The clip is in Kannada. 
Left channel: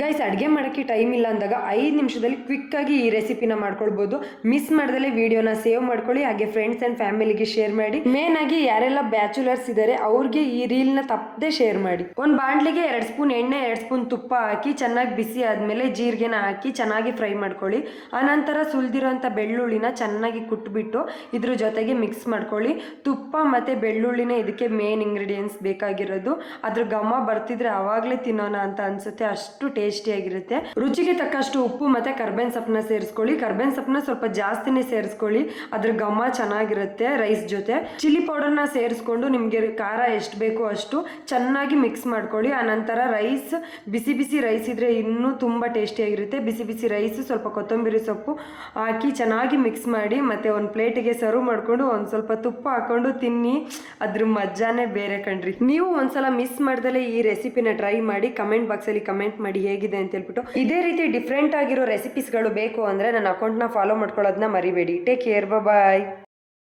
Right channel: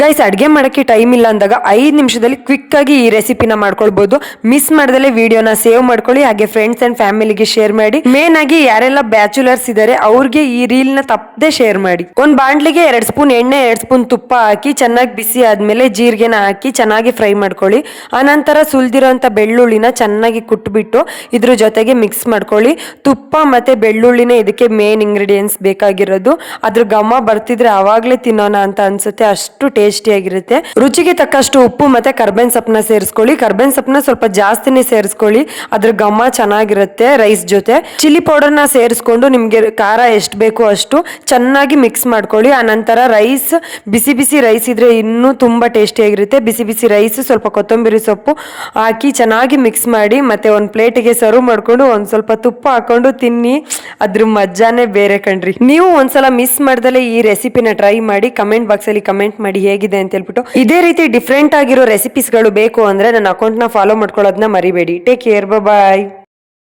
ಗೈಸ್, ಅಡುಗೆ ಮಾಡೋಕ್ಕೆ ಟೈಮ್ ಇಲ್ಲ ಅಂದಾಗ 5 ನಿಮಿಷದಲ್ಲಿ ಕ್ವಿಕ್ ಆಗಿ ಈ ರೆಸಿಪಿನ ಮಾಡ್ಕೊಳ್ಬಹುದು. ಮಿಸ್ ಮಾಡ್ದಲೆ ವಿಡಿಯೋನ ಸೇವ್ ಮಾಡ್ಕೊಳ್ಳಿ, ಹಾಗೆ ಫ್ರೆಂಡ್ಸ್ ಅಂಡ್ ಫ್ಯಾಮಿಲಿಗೆ ಶೇರ್ ಮಾಡಿ. ಮೇನ್ ಆಗಿ ಯಾರೆಲ್ಲ ಬ್ಯಾಚುಲರ್ಸ್ ಇದಾರೆ ಅವ್ರಿಗೆ ಈ ರೀಲ್ ನ ತಪ್ಪದೆ ಶೇರ್ ಮಾಡಿ. ಒಂದ್ ಬಾಂಡ್ಲಿಗೆ 2 ಸ್ಪೂನ್ ಎಣ್ಣೆ, 2 ಸ್ಪೂನ್ ತುಪ್ಪ ಹಾಕಿ ಚೆನ್ನಾಗಿ ಬಿಸಿ ಆದ್ಮೇಲೆ ಜೀರಿಗೆನ ಹಾಕಿ ಚೆನ್ನಾಗಿ ಫ್ರೈ ಮಾಡ್ಕೊಳ್ಳಿ. ಆನಂತರ ಸುಲ್ದಿರೋಂಥ ಬೆಳ್ಳುಳ್ಳಿನ ಚೆನ್ನಾಗಿ ಕುಟ್ಬಿಟ್ಟು ಇದ್ರ ಜೊತೆಗೆ ಮಿಕ್ಸ್ ಮಾಡ್ಕೊಳ್ಳಿ. ತುಪ್ಪ ಮತ್ತೆ ಬೆಳ್ಳುಳ್ಳಿನೇ ಇದಕ್ಕೆ ಮೇನ್ ಇಂಗ್ರೀಡಿಯೆಂಟ್ಸ್ ಬೇಕಾಗಿರೋದು. ಅದ್ರ ಘಮ ಬರ್ತಿದ್ರೆ ಅವಾಗ್ಲೇ ತಿನ್ನೋಣ ಅಂತ ಅನ್ಸುತ್ತೆ, ಅಷ್ಟು ಟೇಸ್ಟಿ ಆಗಿರುತ್ತೆ. ರುಚಿಗೆ ತಕ್ಕಷ್ಟು ಉಪ್ಪು ಮತ್ತೆ ಕರ್ಬೇನ್ ಸೊಪ್ಪನ್ನ ಸೇರಿಸ್ಕೊಳ್ಳಿ. ಕರ್ಬೇನ್ ಸೊಪ್ಪನ್ನ ಸ್ವಲ್ಪ ಜಾಸ್ತಿನೇ ಸೇರಿಸ್ಕೊಳ್ಳಿ, ಅದ್ರ ಘಮ ಚೆನ್ನಾಗಿರುತ್ತೆ ರೈಸ್ ಜೊತೆ. ಚಿಲ್ಲಿ ಪೌಡರ್ನ ಸೇರಿಸ್ಕೊಂಡು ನಿಮ್ಗೆ ಖಾರ ಎಷ್ಟು ಬೇಕು ಅಷ್ಟು ಚೆನ್ನಾಗಿ ಮಿಕ್ಸ್ ಮಾಡ್ಕೊಳ್ಳಿ. ಆ ನಂತರ ರೈಸ್, ಬಿಸಿ ಬಿಸಿ ರೈಸ್ ಇದ್ರೆ ಇನ್ನೂ ತುಂಬಾ ಟೇಸ್ಟಿ ಆಗಿರುತ್ತೆ. ಬಿಸಿ ಬಿಸಿ ರೈಸ್, ಸ್ವಲ್ಪ ಕೊತ್ತಂಬರಿ ಸೊಪ್ಪು ಹಾಕಿ ಚೆನ್ನಾಗಿ ಮಿಕ್ಸ್ ಮಾಡಿ ಮತ್ತೆ ಒಂದು ಪ್ಲೇಟಿಗೆ ಸರ್ವ್ ಮಾಡ್ಕೊಂಡು ಒಂದ್ ಸ್ವಲ್ಪ ತುಪ್ಪ ಹಾಕೊಂಡು ತಿನ್ನಿ, ಅದ್ರ ಮಜಾನೇ ಬೇರೆ ಕಣ್ರಿ. ನೀವು ಒಂದ್ಸಲ ಮಿಸ್ ಮಾಡ್ದಲೆ ಈ ರೆಸಿಪಿನ ಟ್ರೈ ಮಾಡಿ ಕಮೆಂಟ್ ಬಾಕ್ಸ್ ಅಲ್ಲಿ ಕಮೆಂಟ್ ಮಾಡಿ ಹೇಗಿದೆ ಅಂತ ಹೇಳ್ಬಿಟ್ಟು. ಇದೇ ರೀತಿ ಡಿಫ್ರೆಂಟ್ ಆಗಿರೋ ರೆಸಿಪೀಸ್ಗಳು ಬೇಕು ಅಂದ್ರೆ ನನ್ನ ಅಕೌಂಟ್ ನ ಫಾಲೋ ಮಾಡ್ಕೊಳ್ಳೋದನ್ನ ಮರಿಬೇಡಿ. ಟೇಕ್ ಕೇರ್, ಬಾಯ್.